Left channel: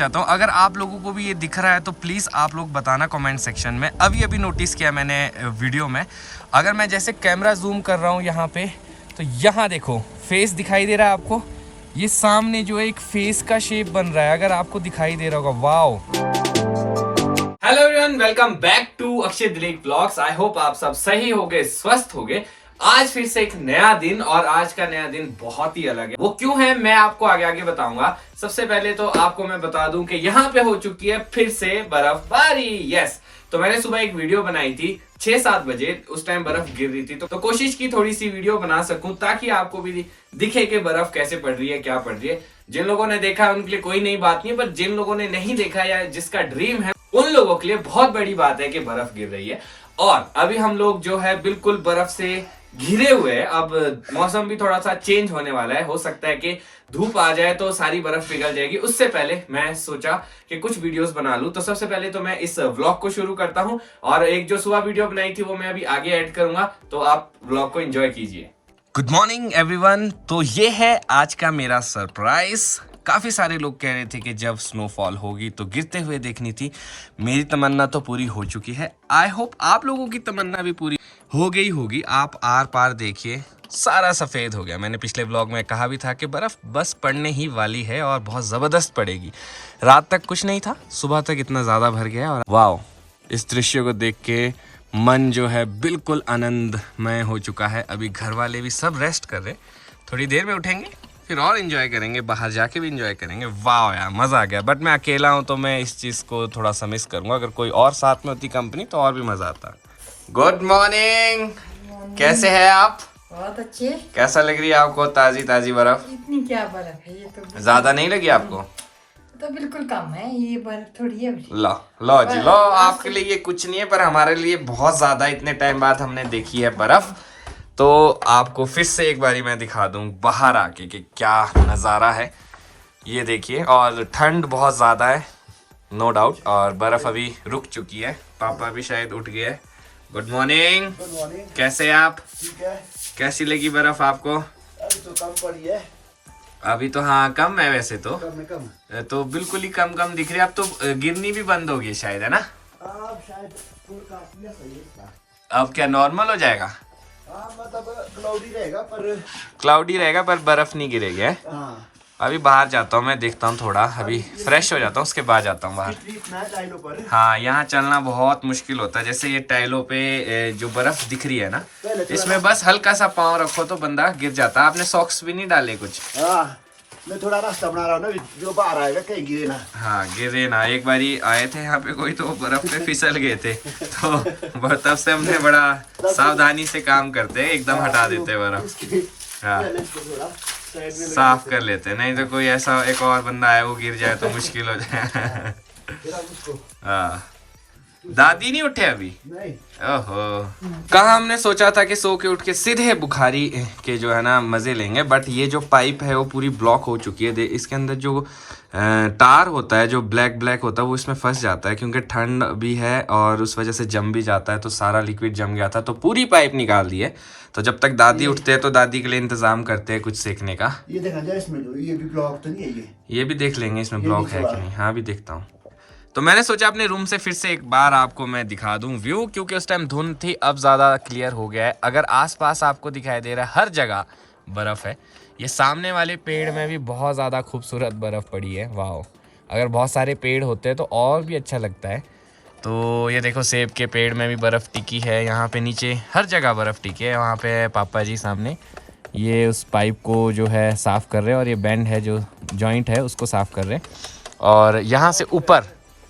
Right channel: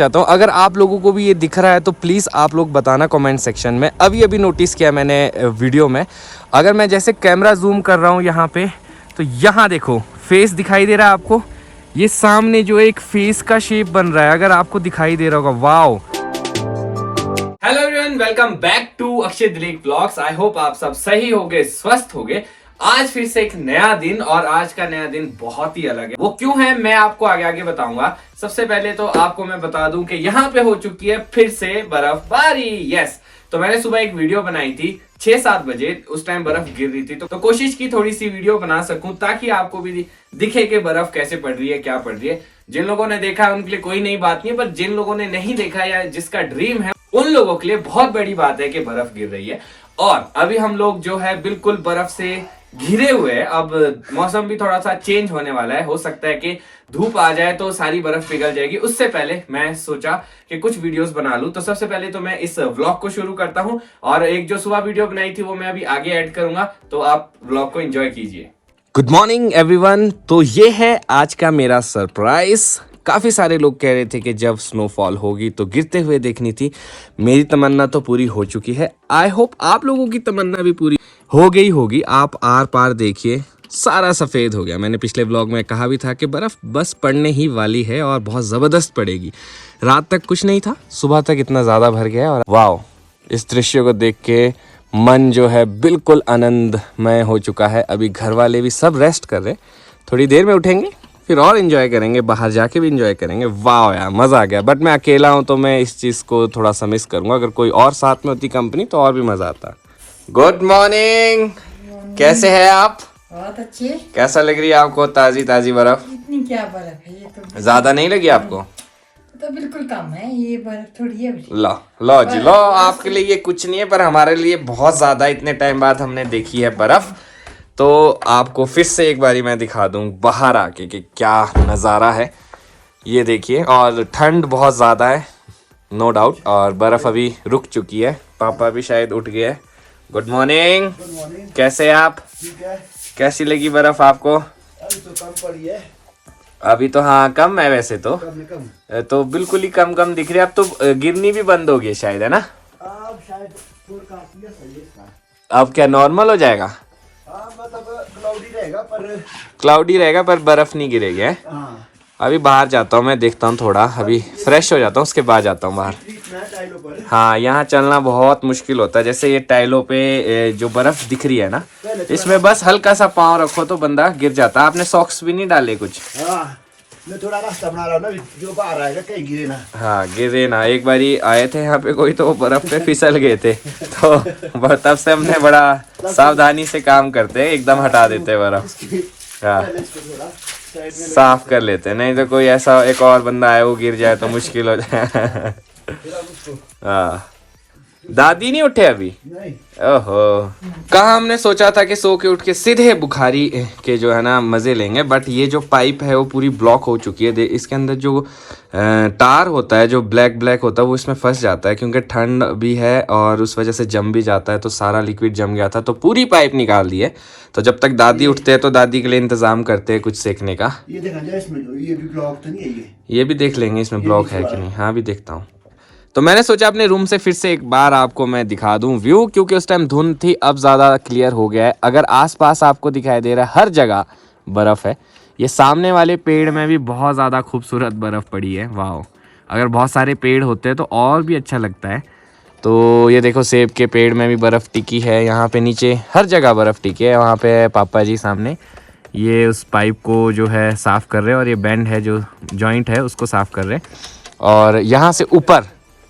चाहता हूँ। अगर आप लोगों को भी ये दिख रहा है तो प्लीज़ आप लोग बताना कमेंट सेक्शन में। अभी नोटिस किया मैंने वीडियो में, अगर मैं जैसे कैमरा जूम कर रहा हूँ यहाँ पे, तो यहाँ देखो फेस दिखाई दे रहा है आपको। ये सामने जो एक फेस का शेप बन रहा है, अगर आपको दिखाई दे रहा होगा। Wow. Hello everyone, welcome back to Akshay Dilip blogs. I hope आप सब सही होगे, स्वस्थ होगे। आज फिर से एक नया दिन, और आज का नया दिन बहुत ही अलग है। वो क्यों है मैं आपको आगे आगे बताऊंगा। सबसे पहले तो आपको मैं बता दूं कि यहाँ पे हो चुकी है फिर से बर्फबारी। यस, तो मैंने सुबह एक वीडियो बनाई थी 6-7 बजे, उस टाइम बर्फ गिर रही थी, तो कोशिश की थोड़ी सी वीडियो बना सकूं ताकि आपको भी दिखे कि बर्फ कैसे पड़ रही है, क्या पड़ रही है। जिन लोगों ने देखा है उनके लिए कोई नई बात नहीं है, पर जिन लोगों ने नहीं देखा या जिसका ड्रीम है उन लोगों के लिए बहुत बड़ी बात है कि बर्फ गिर रही है। और अभी हम लोग जो है बिल्कुल बर्फ से घिरे हुए हैं। अब मौसम भी थोड़ा सा चेंज होने वाला है, हो सकता है कि धूप आ जाए तो सारी बर्फ पिघल जाएगी। उससे पहले मैं सोचा कि कुछ वीडियोस बना लूं। तो सबसे पहले तो मैं इस व्लॉग को शुरू करता हूं, और एक जो सुबह वीडियो बनाई थी वो मैं अभी आगे ऐड करूंगा, तो आप व्लॉग को एंजॉय कीजिए। Good morning everyone. तो ये है आज का मेरा सरप्राइज। काफ़ी सारे लोग कह रहे थे कि जब स्नोफॉल होगी तो गिरते हुए देखनी थी। मेरी तमन्ना तो पूरी हो चुकी है। आई होप आप लोगों की तमन्ना भी पूरी हो गई होगी। आप आर पार देखिए, सारा सफ़ेद हो गया। मैंने पिछले व्लॉग में कहा भी था कि बर्फ़ बस पड़ने ही वाली है, और बहुत ज़बरदस्त पड़ेगी। रात तक कुछ नहीं था, सुबह तक इतना ज़्यादा भर गया। और वाह, इस दृश्य को देख के मन जो है बिल्कुल आनंदमय हो चुका है। अभी घर वाले भी सब रेस्ट कर रहे, थोड़ी देर में उठेंगे, फिर और एंजॉय करेंगे, बाहर जाके भी एंजॉय करेंगे। वाह यार, मज़ा आ गया। बट मैं अकेला हूँ तो मैं इस चीज़ को थोड़ा सा मिस करूँगा। अगर कोई और साथ में होती कंपनी तो और भी मज़ा आता। गुड मॉर्निंग, कैसे हैं आप? बहुत अच्छे। कैसा लग रही है आपको ताज़ी ताज़ी बर्फ? इतनी क्या बर्फ है, ये तो ज़्यादा नहीं लगी आपको? तो बिल्कुल कम है, ये बर्फ थोड़ी है। लो लो जी लो, आपके लिए ये कुछ नहीं है, पर हमारे लिए बहुत ज़्यादा। इतने टाइम बाद हमने देखी है बर्फ, तो आपको फिर से एक बारी मैं दिखा दूं बाहर आके कि क्या नज़ारा है। ये देखिए, और ठंड बहुत ज़्यादा है नो डाउट, और बर्फ़ अभी रुक चुकी है। पापा भी शायद उठ गए। Good morning. Good morning. कैसे आप? ठीक है। कैसी लगी बर्फ़ आपको? अभी तो कम पड़ी है। अभी तो हाँ कम है वैसे तो। कम। तो बिल्कुल ही कम कम दिख रही है। अब तो गिरनी भी बंद हो गई शायद, है ना? अब शायद काफी है, सही है। अब क्या नॉर्मल हो जाएगा? हाँ, मतलब क्लाउडी रहेगा पर बर्फ नहीं गिरेगी है? हाँ। अभी बाहर जाता हूँ मैं, देखता हूँ, थोड़ा अभी फ्रेश हो जाता हूँ, उसके बाद जाता हूँ बाहर। टाइलों पर। हाँ, यहाँ चलना बहुत मुश्किल होता है। जैसे ये टाइलों पे जो बर्फ दिख रही है ना, इसमें बस हल्का सा पाँव रखो तो बंदा गिर जाता है। आपने सॉक्स भी नहीं डाले कुछ? हाँ, मैं थोड़ा रास्ता बना रहा हूँ ना, जो बाहर आएगा कहीं गिरे ना। हाँ, गिरे ना। एक बारी आए थे यहाँ पे कोई, तो वो बर्फ पे फिसल गए थे, तो तब से हमने बड़ा सावधानी से काम करते हैं, एकदम हटा देते हैं बर्फ। हाँ, साफ कर लेते हैं, नहीं तो कोई ऐसा एक और बंदा आए वो गिर जाए तो मुश्किल हो जाए। हाँ, दादी नहीं उठे अभी? नहीं। ओहो, कहाँ हमने सोचा था कि सो के उठ के सीधे बुखारी के जो है ना मजे लेंगे, बट ये जो पाइप है वो पूरी ब्लॉक हो चुकी है। इसके अंदर जो तार होता है, जो ब्लैक होता है, वो इसमें फंस जाता है, क्योंकि ठंड भी है और उस वजह से जम भी जाता है। तो सारा लिक्विड जम गया था, तो पूरी पाइप निकाल दी है। तो जब तक दादी उठते हैं तो दादी के लिए इंतजाम करते हैं कुछ सेकने का। ये देखा जाए इसमें, ये भी ब्लॉक तो नहीं है। ये भी देख लेंगे इसमें ब्लॉक है कि नहीं। हाँ, भी देखता हूँ। तो मैंने सोचा अपने रूम से फिर से एक बार आपको मैं दिखा दूं व्यू, क्योंकि उस टाइम धुंध थी, अब ज़्यादा क्लियर हो गया है। अगर आसपास आपको दिखाई दे रहा है, हर जगह बर्फ़ है। ये सामने वाले पेड़ में भी बहुत ज़्यादा खूबसूरत बर्फ़ पड़ी है। वाह, अगर बहुत सारे पेड़ होते तो और भी अच्छा लगता है। तो ये देखो, सेब के पेड़ में भी बर्फ़ टिकी है। यहाँ पे नीचे हर जगह बर्फ़ टिकी है। वहाँ पे पापा जी सामने ये उस पाइप को जो है साफ़ कर रहे हैं, और ये बैंड है जो जॉइंट है उसको साफ़ कर रहे हैं। और यहाँ से ऊपर,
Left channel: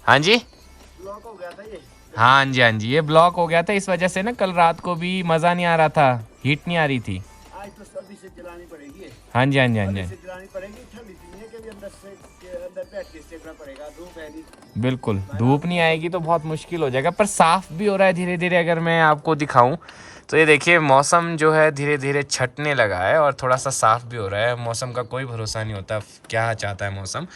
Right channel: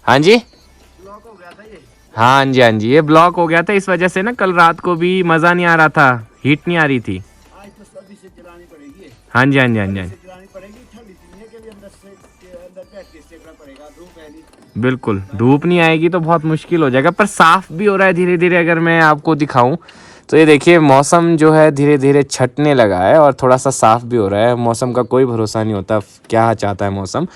हाँ जी, ब्लॉक हो गया था ये। हाँ जी, हाँ जी, ये ब्लॉक हो गया था। इस वजह से ना कल रात को भी मज़ा नहीं आ रहा था, हीट नहीं आ रही थी। आज तो सभी से चलानी पड़ेगी। हाँ जी, हाँ जी, हाँ जी, चलानी पड़ेगी। ठंड इतनी है कि अंदर बैठ के सेकना पड़ेगा। धूप है नहीं। बिल्कुल, धूप नहीं आएगी तो बहुत मुश्किल हो जाएगा। पर साफ़ भी हो रहा है धीरे धीरे। अगर मैं आपको दिखाऊं तो ये देखिए, मौसम जो है धीरे धीरे छटने लगा है, और थोड़ा सा साफ़ भी हो रहा है। मौसम का कोई भरोसा नहीं होता, क्या चाहता है मौसम।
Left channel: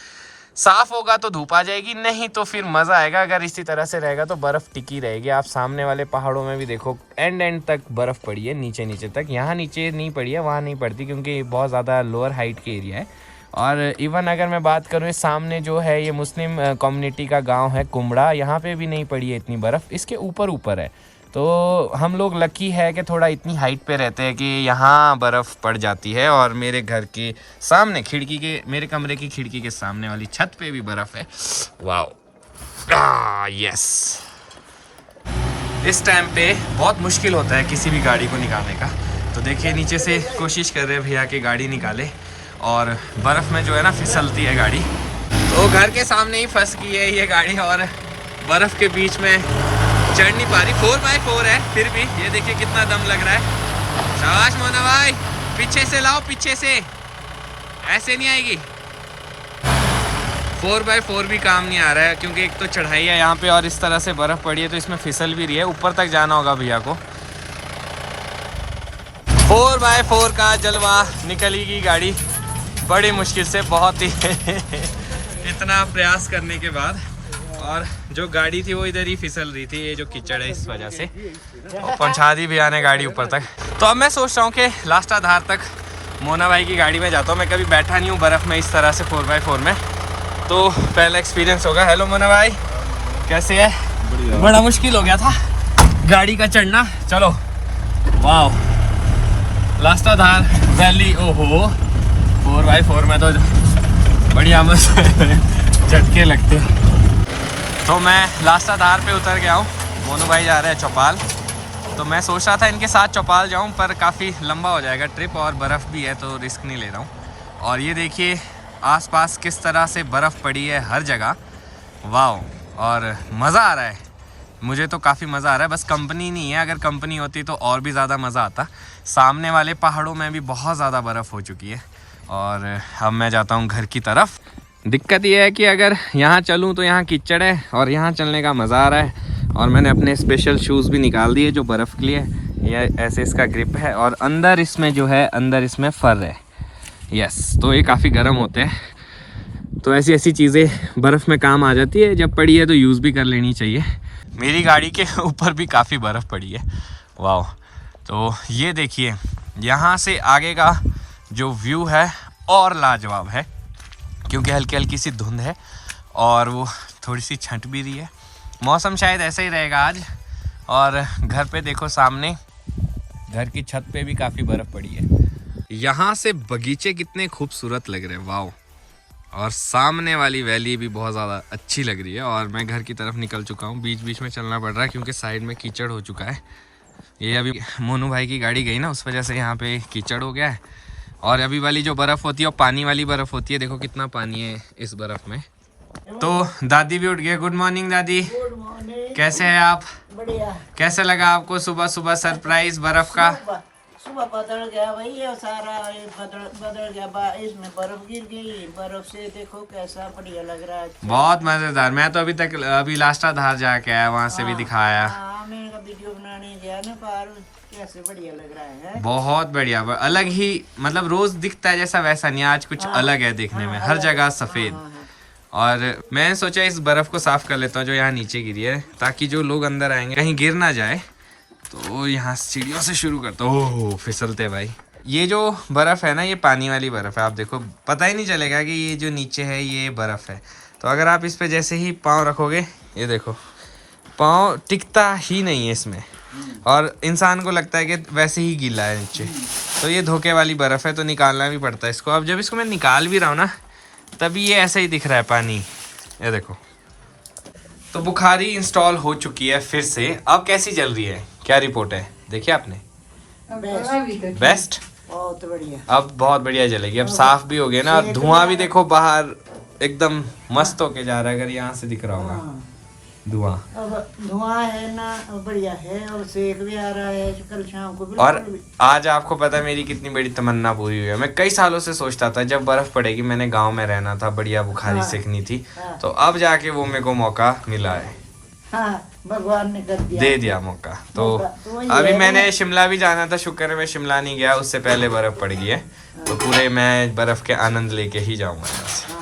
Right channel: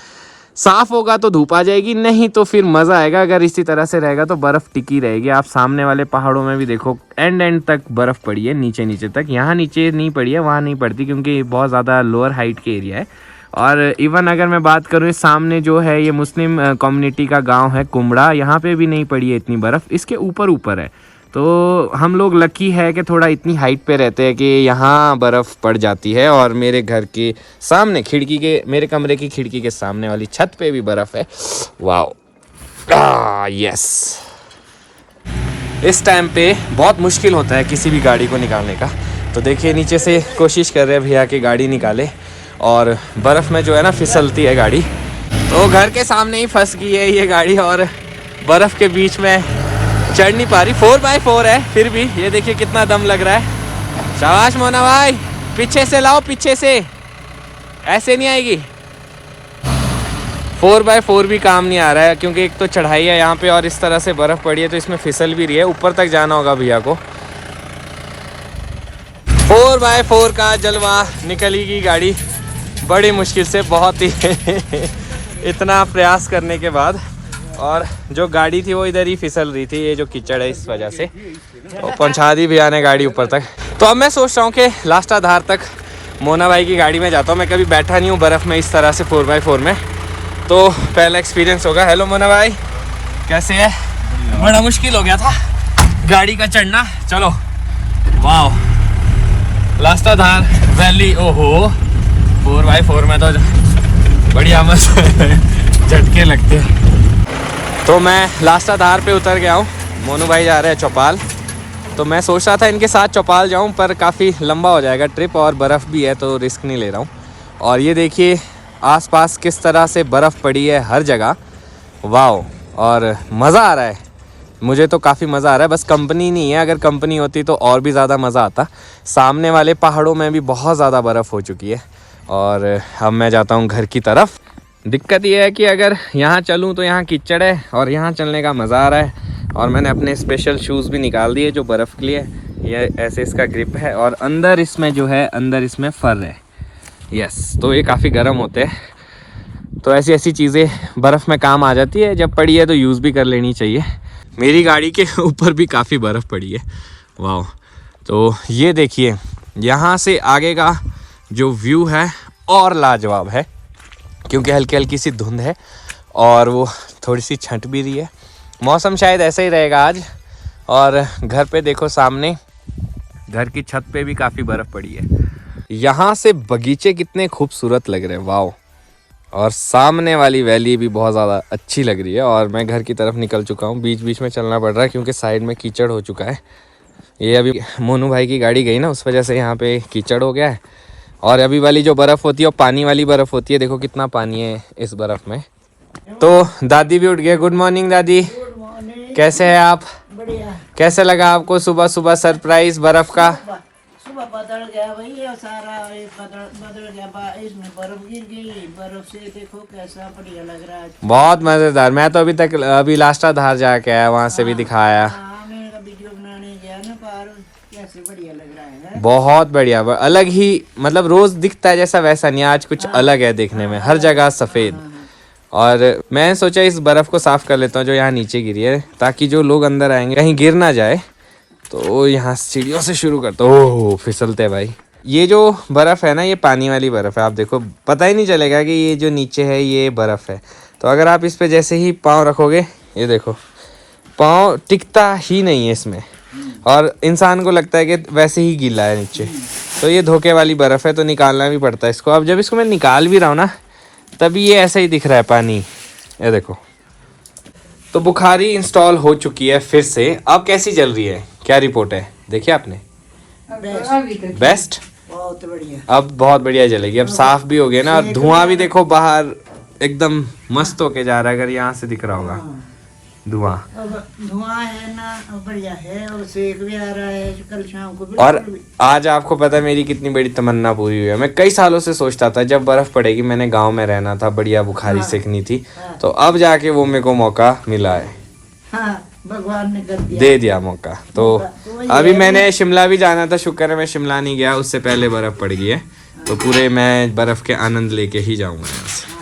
साफ़ होगा तो धूप आ जाएगी, नहीं तो फिर मज़ा आएगा। अगर इसी तरह से रहेगा तो बर्फ़ टिकी रहेगी। आप सामने वाले पहाड़ों में भी देखो, एंड तक बर्फ़ पड़ी है, नीचे तक। यहाँ नीचे नहीं पड़ी है, वहाँ नहीं पड़ती, क्योंकि बहुत ज़्यादा लोअर हाइट के एरिया है। और इवन अगर मैं बात करूँ सामने जो है ये मुस्लिम कम्युनिटी का गांव है कुमड़ा, यहाँ पे भी नहीं पड़ी है इतनी बर्फ़, इसके ऊपर ऊपर है। तो हम लोग लकी है कि थोड़ा इतनी हाइट पे रहते हैं कि यहाँ बर्फ़ पड़ जाती है। और मेरे घर के सामने खिड़की के, मेरे कमरे की खिड़की के सामने वाली छत पे भी बर्फ़ है। Wow, yes. इस टाइम पे बहुत मुश्किल होता है किसी भी गाड़ी को निकालने का। तो देखिए नीचे से कोशिश कर रहे हैं भैया कि गाड़ी निकाले, और बर्फ़ में जो है ना फिसलती है गाड़ी। तो घर के सामने ही फंस गई है ये गाड़ी और बर्फ़ के बीच में चढ़ नहीं पा रही। 4x4 है फिर भी ये देखिए कितना दम लग रहा है। शाबाश मोना भाई, पीछे से लाओ, पीछे से, ऐसे नहीं आएगी। 4x4 भी काम नहीं आ रहा है क्योंकि एक तो चढ़ाई है यहाँ पे और इस तरह से बर्फ़ पड़ी है तो इसमें फिसल भी रही है। ऊपर तक जाना होगा भैया को। 4x4 का जलवा, निकलेगी गाड़ी बड़ी मुश्किल से, बहुत ही इतना प्रयास करने के बाद। और जो गाड़ी थी वो इधर ही फिसल रही थी, ये जो कीचड़ है इस वजह से। तो पहुंचा दी भैया ने गाड़ी ऊपर तक। तो अब मैं सोच रहा हूँ कि लास्ट आधार तक मोना भाई की गाड़ी में जाता हूँ। मैं कभी बैठा नहीं हूँ बर्फ़ में इस तरह से 4x4 में, तो पहला एक्सपीरियंस होगा। हेलो मोना भाई, कैसे है? बड़ा मुश्किल हो गया था गाड़ी का चढ़ना। चलो, वाह, लास्ट आधार वैली। ओहो, 4x4 में तो बढ़िया मस्त झटके लगते हैं। तो मैं लास्ट आधार पे उतर गया हूँ। मोनू भाई जा रहे हैं चौपाल, तो मैं सोच रहा था इनके साथ चौपाल जाऊँ, पर काफ़ी लंबा हो जाएगा ट्रिप और बर्फ़ भी है तो रिस्क नहीं ले रहा हूँ। और ये देखिए आसपास किस तरह से बर्फ़ पड़ी है हर जगह। वाओ, और मज़ा आ रहा है, मुझे तो काफ़ी मज़ा आ रहा है। बस कंपनी नहीं है, अगर कंपनी होती तो और भी ज़्यादा मज़ा आता। सामने वाले पहाड़ों में भी बहुत ज़्यादा बर्फ़ हो चुकी है। और अब मैं जाता हूँ घर की तरफ। दिक्कत ये है कि अगर यहाँ चलूँ तो यहाँ कीचड़ है और यहाँ चलने का मज़ा आ रहा है। और मैंने अपने स्पेशल शूज़ भी निकाल दिए जो बर्फ़ के लिए। ये ऐसे इसका ग्रिप है और अंदर इसमें जो है, अंदर इसमें फर है। यस, तो ये काफ़ी गर्म होते हैं। तो ऐसी ऐसी चीज़ें बर्फ़ में काम आ जाती है, जब पड़ी है तो यूज़ भी कर लेनी चाहिए। मेरी गाड़ी के ऊपर भी काफ़ी बर्फ़ पड़ी है। वाह, तो ये देखिए यहाँ से आगे का जो व्यू है और लाजवाब है, क्योंकि हल्की हल्की सी धुंध है और वो थोड़ी सी छंट भी रही है। मौसम शायद ऐसा ही रहेगा आज। और घर पे देखो सामने, घर की छत पे भी काफ़ी बर्फ़ पड़ी है। यहाँ से बगीचे कितने खूबसूरत लग रहे हैं, वाओ। और सामने वाली वैली भी बहुत ज़्यादा अच्छी लग रही है। और मैं घर की तरफ निकल चुका हूँ, बीच बीच में चलना पड़ रहा है क्योंकि साइड में कीचड़ हो चुका है। ये अभी मोनू भाई की गाड़ी गई ना, उस वजह से यहाँ पे कीचड़ हो गया है। और अभी वाली जो बर्फ़ होती है वो पानी वाली बर्फ़ होती है। देखो कितना पानी है इस बर्फ़ में। तो दादी भी उठ गए। गुड मॉर्निंग दादी, कैसे हैं आप? बढ़िया। कैसे लगा आपको सुबह सुबह सरप्राइज बर्फ़ का? सुबह बदल गया भाई, ये सारा बदल गया, इसमें बर्फ गिर गई। बर्फ से देखो कैसा बढ़िया लग रहा है, बहुत मज़ेदार। मैं तो अभी लास्ट आधार जाके आया, वहाँ से भी दिखाया। मैंने वीडियो बनाने गया ना पार, कैसे बढ़िया लग रहा है। बहुत बढ़िया, अलग ही, मतलब रोज़ दिखता है जैसा वैसा नहीं, आज कुछ अलग है देखने में, हर जगह सफ़ेद। और मैंने सोचा इस बर्फ़ को साफ़ कर लेता हूँ जो यहाँ नीचे गिरी है, ताकि जो लोग अंदर आएंगे कहीं गिर ना जाए। तो यहाँ सीढ़ियों से शुरू करता हूँ। ओह, फिसलते भाई। ये जो बर्फ़ है ना, ये पानी वाली बर्फ़ है। आप देखो, पता ही नहीं चलेगा कि ये जो नीचे है ये बर्फ़ है। तो अगर आप इस पे जैसे ही पाँव रखोगे, ये देखो पाँव टिकता ही नहीं है इसमें, और इंसान को लगता है कि वैसे ही गीला है नीचे। तो ये धोखे वाली बर्फ़ है, तो निकालना भी पड़ता है इसको। अब जब इसको मैं निकाल भी रहा हूँ ना, तभी ये ऐसा ही दिख रहा है पानी, ये देखो। तो बुखारी इंस्टॉल हो चुकी है फिर से। अब कैसी चल रही है, क्या रिपोर्ट है, देखिए आपने? बेस्ट, बहुत बढ़िया। अब बहुत बढ़िया चलेगी। अब साफ भी हो गया ना, और धुआं भी देखो बाहर एकदम मस्त होके जा रहा है। अगर यहाँ से दिख रहा होगा धुआं, अब धुआं है ना, बढ़िया है, और सेक भी आ रहा है कल शाम को भी। और आज आपको पता है मेरी कितनी बड़ी तमन्ना पूरी हुई है। मैं कई सालों से सोचता था जब बर्फ़ पड़ेगी, मैंने गांव में रहना था, बढ़िया बुखारी सेकनी थी। तो अब जाके वो मेरे को मौका मिला है। हाँ, भगवान ने कर दिया, दे दिया मौका। तो अभी मैंने शिमला भी जाना था, शुक्र है मैं शिमला नहीं गया, उससे पहले बर्फ़ पड़ गई है। तो पूरे मैं बर्फ़ के आनंद लेके ही जाऊँगा यहाँ से।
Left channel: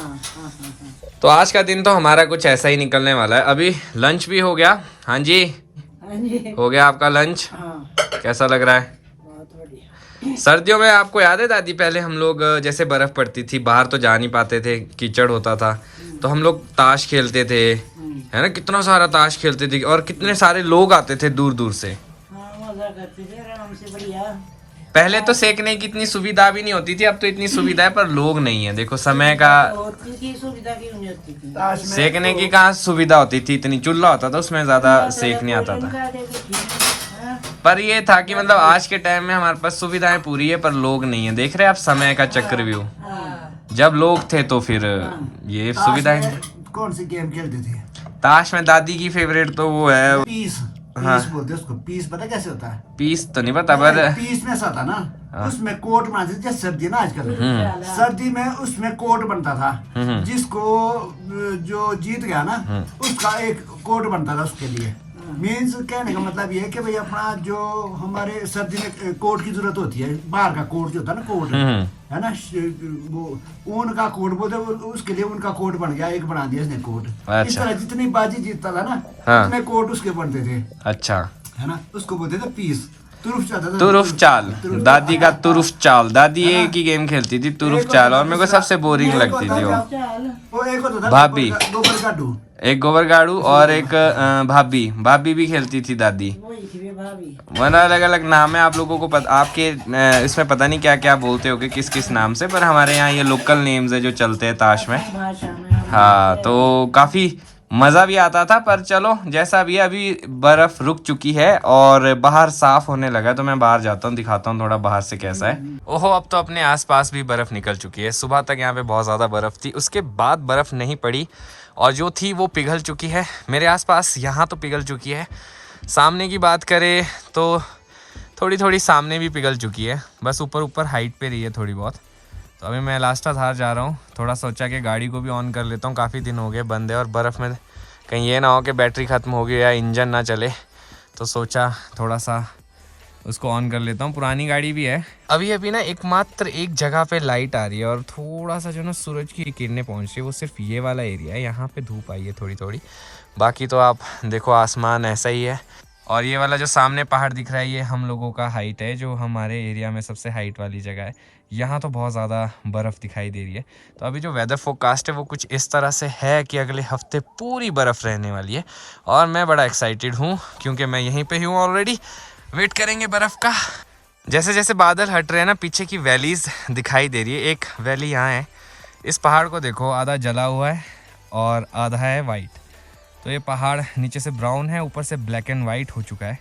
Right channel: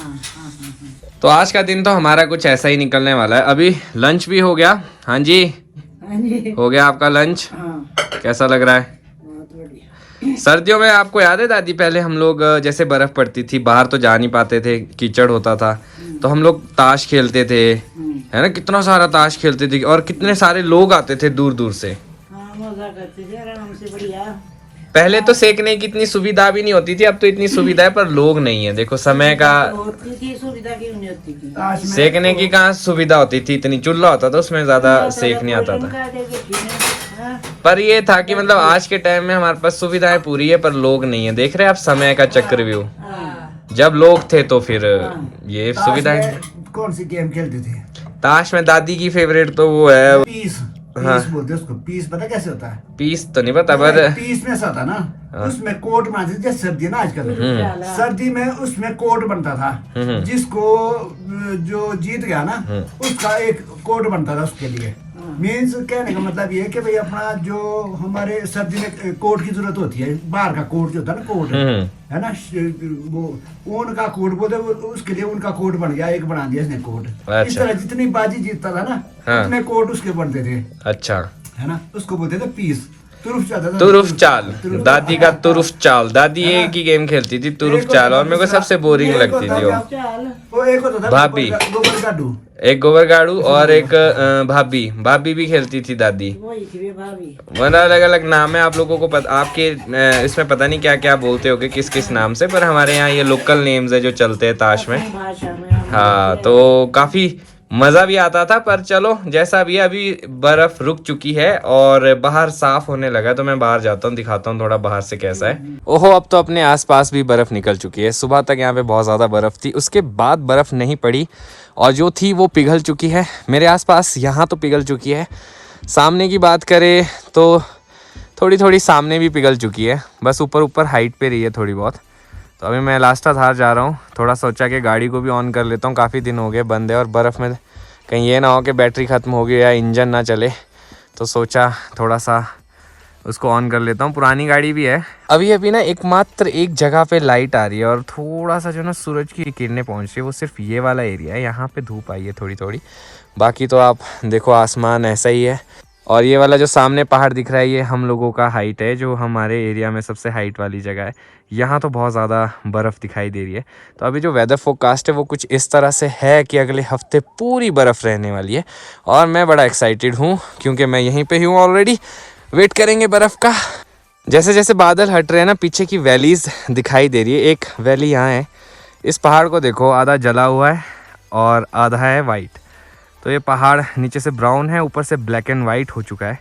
तो आज का दिन तो हमारा कुछ ऐसा ही निकलने वाला है। अभी लंच भी हो गया। हाँ जी, हाँ जी, हो गया आपका लंच? हाँ, कैसा लग रहा है? बहुत बढ़िया। सर्दियों में आपको याद है दादी, पहले हम लोग जैसे बर्फ पड़ती थी, बाहर तो जा नहीं पाते थे, कीचड़ होता था, तो हम लोग ताश खेलते थे, है ना, कितना सारा ताश खेलते थे और कितने सारे लोग आते थे दूर दूर से। हाँ, मजा करते थे आराम से, बढ़िया। पहले तो सेकने की इतनी सुविधा भी नहीं होती थी, अब तो इतनी सुविधा है पर लोग नहीं है। देखो समय का, होती थी सुविधा, क्यों नहीं होती थी? सेकने की कहाँ सुविधा होती थी, इतनी चूल्हा होता था उसमें ज्यादा सेक नहीं आता था। हाँ, पर ये था कि मतलब आज के टाइम में हमारे पास सुविधाएं पूरी है पर लोग नहीं है। देख रहे हैं आप समय का चक्रव्यूह, हाँ, जब लोग थे तो फिर ये सुविधाएं। कौन सी गेम खेलते थे? ताश में दादी की फेवरेट तो वो है पीस। हाँ। पीस बोलते हैं उसको। पीस पता कैसे होता है? पीस तो नहीं पता पर पीस में ऐसा होता ना, उसमें कोट बनाते थे, जैसे सर्दी है ना आजकल, सर्दी में उसमें कोट बनता था, जिसको जो जीत गया ना उसका एक कोट बनता था उसके लिए। मीन्स कहने का मतलब ये है कि भाई अपना जो हमारे सर्दी में कोट की जरूरत होती है, बाहर का कोट जो होता है ना, कोट है ना, वो ऊन का कोट बोलते, उसके लिए उनका कोट बन गया, एक बना दिया इसने कोट। इस तरह जितनी बाजी जीतता था ना उतने कोट उसके बनते थे। अच्छा, है ना, उसको बोलते थे पीस। तुरुफ चाल, तुरुफ चाल, दादी का तुरुफ चाल। दादी एक ही गेम खेलती थी, तुरुफ चाल, और मेरे को सबसे बोरिंग लगती थी वो। वो एक होता था भाभी, गोबर गाडू, एक गोबर गाड़ू और एक भाभी भी खेलती थी दादी। वही थी भाभी। मतलब अलग अलग नाम है, आप लोगों को पता, आपके इसमें पता नहीं क्या क्या बोलते होगे किस किस नाम से, पर हमारे यहाँ ये लोकल नेम्स है जो चलते हैं ताश में। भाषा में हम हाँ, तो काफी मजा भी आता था। पर चलो जैसा भी है, अभी बर्फ रुक चुकी है और बाहर साफ होने लगा है, तो मैं बाहर जाता हूँ, दिखाता हूँ थोड़ा बाहर से कैसा है। ओहो, अब तो अपने आसपास भी बर्फ निकल चुकी है। सुबह तक यहाँ पे बहुत ज्यादा बर्फ थी, उसके बाद बर्फ नहीं पड़ी और जो थी वो पिघल चुकी है मेरे आसपास, यहाँ तो पिघल चुकी है। सामने की बात करें तो थोड़ी थोड़ी सामने भी पिघल चुकी है, बस ऊपर ऊपर हाइट पे रही है थोड़ी बहुत। तो अभी मैं लास्टाधार जा रहा हूँ, थोड़ा सोचा कि गाड़ी को भी ऑन कर लेता हूँ, काफ़ी दिन हो गए बंद है, और बर्फ़ में कहीं ये ना हो कि बैटरी ख़त्म हो गई या इंजन ना चले, तो सोचा थोड़ा सा उसको ऑन कर लेता हूँ। पुरानी गाड़ी भी है। अभी ना एकमात्र एक जगह पे लाइट आ रही है और थोड़ा सा जो ना सूरज की किरणें पहुँच रही है, वो सिर्फ ये वाला एरिया है, यहाँ पे धूप आई है थोड़ी थोड़ी, बाकी तो आप देखो आसमान ऐसा ही है। और ये वाला जो सामने पहाड़ दिख रहा है, ये हम लोगों का हाइट है, जो हमारे एरिया में सबसे हाइट वाली जगह है। यहाँ तो बहुत ज़्यादा बर्फ़ दिखाई दे रही है। तो अभी जो वेदर फोरकास्ट है वो कुछ इस तरह से है कि अगले हफ्ते पूरी बर्फ़ रहने वाली है, और मैं बड़ा एक्साइटेड हूँ क्योंकि मैं यहीं पे ही हूँ ऑलरेडी। वेट करेंगे बर्फ़ का। जैसे जैसे बादल हट रहे हैं ना, पीछे की वैलीज़ दिखाई दे रही है। एक वैली यहाँ है, इस पहाड़ को देखो, आधा जला हुआ है और आधा है वाइट। तो ये पहाड़ नीचे से ब्राउन है, ऊपर से ब्लैक एंड वाइट हो चुका है।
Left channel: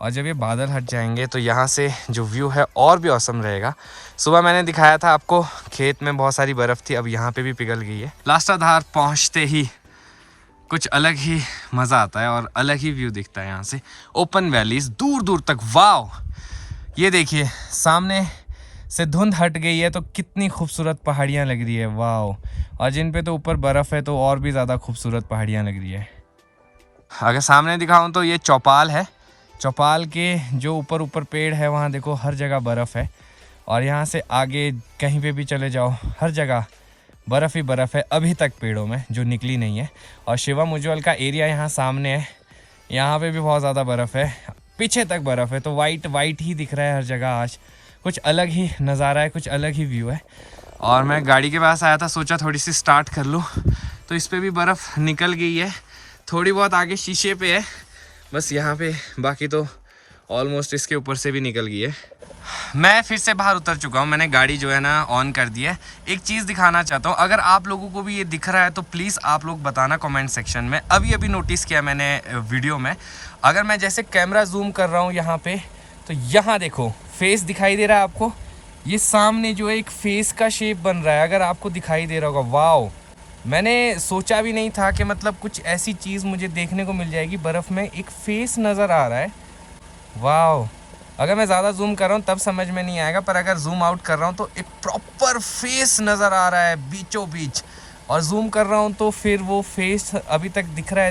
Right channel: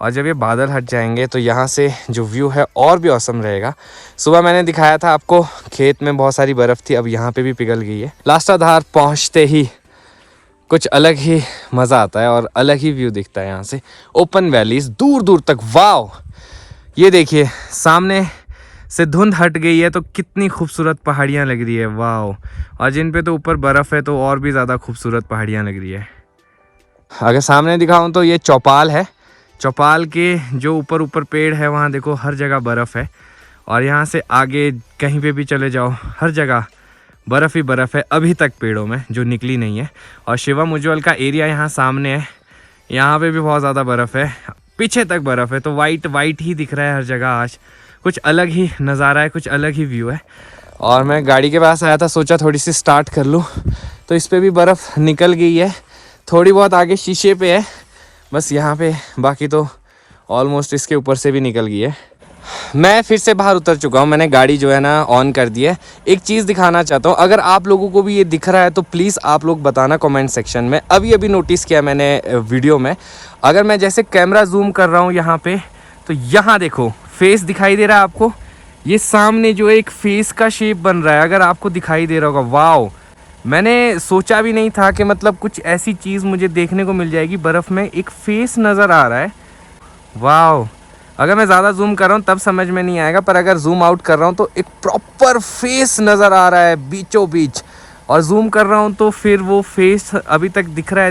और जब ये बादल हट जाएंगे तो यहाँ से जो व्यू है और भी औसम रहेगा। सुबह मैंने दिखाया था आपको, खेत में बहुत सारी बर्फ़ थी, अब यहाँ पे भी पिघल गई है। लास्टाधार पहुँचते ही कुछ अलग ही मज़ा आता है और अलग ही व्यू दिखता है यहाँ से। ओपन वैलीज दूर दूर तक, वाव! ये देखिए सामने से धुंध हट गई है तो कितनी खूबसूरत पहाड़ियाँ लग रही है, वाव! और जिन पे तो ऊपर बर्फ़ है तो और भी ज़्यादा खूबसूरत पहाड़ियाँ लग रही है। अगर सामने दिखाऊं तो ये चौपाल है। चौपाल के जो ऊपर ऊपर पेड़ है वहाँ देखो हर जगह बर्फ़ है, और यहाँ से आगे कहीं पे भी चले जाओ हर जगह बर्फ़ ही बर्फ़ है, अभी तक पेड़ों में जो निकली नहीं है। और शिवम उज्ज्वल का एरिया यहाँ सामने है, यहाँ पे भी बहुत ज़्यादा बर्फ़ है, पीछे तक बर्फ़ है, तो वाइट वाइट ही दिख रहा है हर जगह। आज कुछ अलग ही नज़ारा है, कुछ अलग ही व्यू है। और मैं गाड़ी के पास आया था, सोचा थोड़ी सी स्टार्ट कर लूँ, तो इस पर भी बर्फ़ निकल गई है, थोड़ी बहुत आगे शीशे पे है बस यहाँ पे, बाकी तो ऑलमोस्ट इसके ऊपर से भी निकल गई है। मैं फिर से बाहर उतर चुका हूँ, मैंने गाड़ी जो है ना ऑन कर दी है। एक चीज़ दिखाना चाहता हूँ, अगर आप लोगों को भी ये दिख रहा है तो प्लीज़ आप लोग बताना कमेंट सेक्शन में। अभी नोटिस किया मैंने वीडियो में, अगर मैं जैसे कैमरा जूम कर रहा हूँ यहाँ पे, तो यहाँ देखो फेस दिखाई दे रहा है आपको, ये सामने जो एक फेस का शेप बन रहा है, अगर आपको दिखाई दे रहा होगा, वाओ! मैंने सोचा भी नहीं था कि मतलब कुछ ऐसी चीज़ मुझे देखने को मिल जाएगी, बर्फ़ में एक फेस नज़र आ रहा है, वाओ! अगर मैं ज़्यादा जूम कर रहा हूँ तब समझ में नहीं आएगा, पर अगर जूम आउट कर रहा हूँ तो एक प्रॉपर फेस नज़र आ रहा है बीचों बीच, और जूम कर रहा हूँ तो फिर वो फेस अभी तक दिख रहा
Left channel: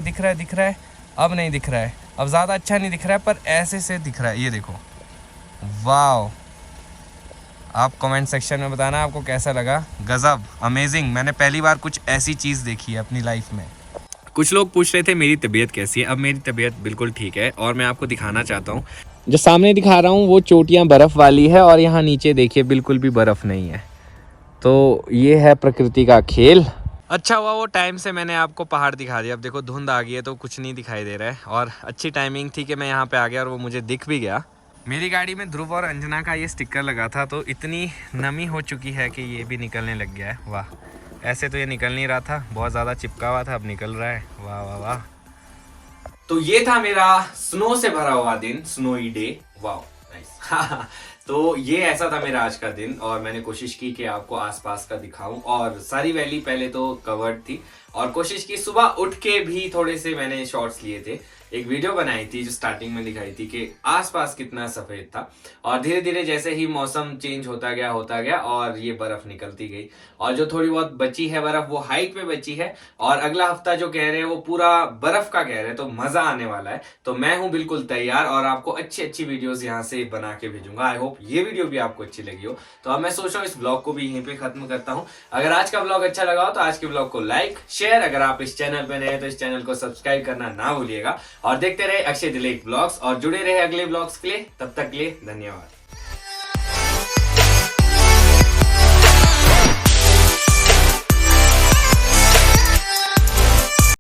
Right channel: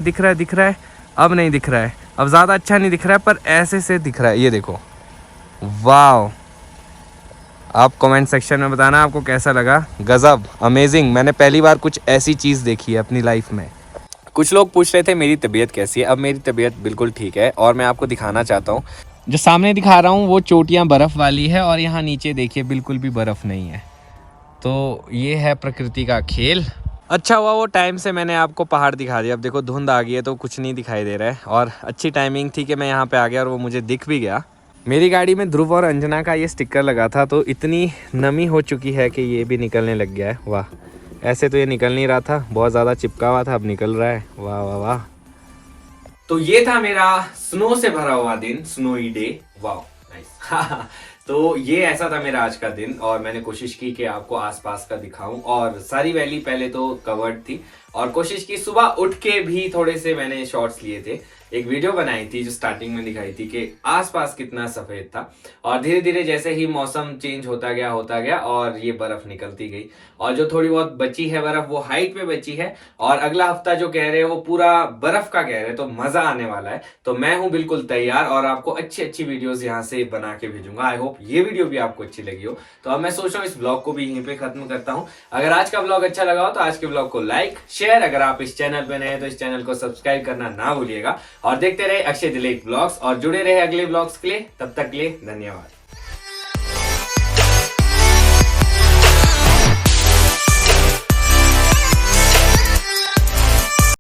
है, अब नहीं दिख रहा है, अब ज़्यादा अच्छा नहीं दिख रहा है, पर ऐसे से दिख रहा है, ये देखो, वाओ! आप कमेंट सेक्शन में बताना आपको कैसा लगा। गज़ब, अमेजिंग, मैंने पहली बार कुछ ऐसी चीज़ देखी है अपनी लाइफ में। कुछ लोग पूछ रहे थे मेरी तबीयत कैसी है, अब मेरी तबीयत बिल्कुल ठीक है, और मैं आपको दिखाना चाहता हूँ जो सामने दिखा रहा हूँ वो चोटियाँ बर्फ वाली है और यहाँ नीचे देखिए बिल्कुल भी बर्फ नहीं है। तो ये है प्रकृति का खेल। अच्छा हुआ वो टाइम से मैंने आपको पहाड़ दिखा दिया। अब देखो धुंध आ गई है तो कुछ नहीं दिखाई दे रहा है, और अच्छी टाइमिंग थी कि मैं यहाँ पे आ गया और वो मुझे दिख भी गया। मेरी गाड़ी में ध्रुव और अंजना का ये स्टिकर लगा था, तो इतनी नमी हो चुकी है कि ये भी निकलने लग गया है। वाह, ऐसे तो ये निकल नहीं रहा था, बहुत ज़्यादा चिपका हुआ था, अब निकल रहा है। वाह वाह वाह। तो ये था मेरा स्नो से भरा हुआ दिन, स्नोई डे। वाह नाइस। तो ये ऐसा था मेरा आज का दिन, और मैंने कोशिश की कि आपको आसपास का दिखाऊं। और सारी वैली पहले तो कवर्ड थी, और कोशिश की सुबह उठ के भी थोड़े से मैंने शॉट्स लिए थे। एक वीडियो बनाई थी जो स्टार्टिंग में दिखाई थी कि आसपास कितना सफेद था, और धीरे धीरे जैसे ही मौसम चेंज होता गया और ये बर्फ निकलती गई, और जो थोड़ी बहुत बची है बर्फ वो हाइट पे बची है, और अगला हफ्ता जो कह रहे हैं वो पूरा बर्फ का कह रहे हैं, तो मजा आने वाला है। तो मैं हूं बिल्कुल तैयार, और आपको अच्छी अच्छी वीडियोस यहाँ से बना के भेजूंगा। आई होप ये वीडियो भी आपको अच्छी लगी हो। तो अब मैं सोच रहा हूँ इस ब्लॉग को भी यहीं पे खत्म करता हूँ। अगर आज का ब्लॉग अच्छा लगा हो तो आज के ब्लॉग को लाइक शेयर, अगर आप इस चैनल पे नए हैं तो इस चैनल को सब्सक्राइब करना ना भूलिएगा, और देखते रहे अक्षय दिलीप ब्लॉग्स, और जुड़े रहे अगले ब्लॉग्स के लिए। तब तक के लिए धन्यवाद।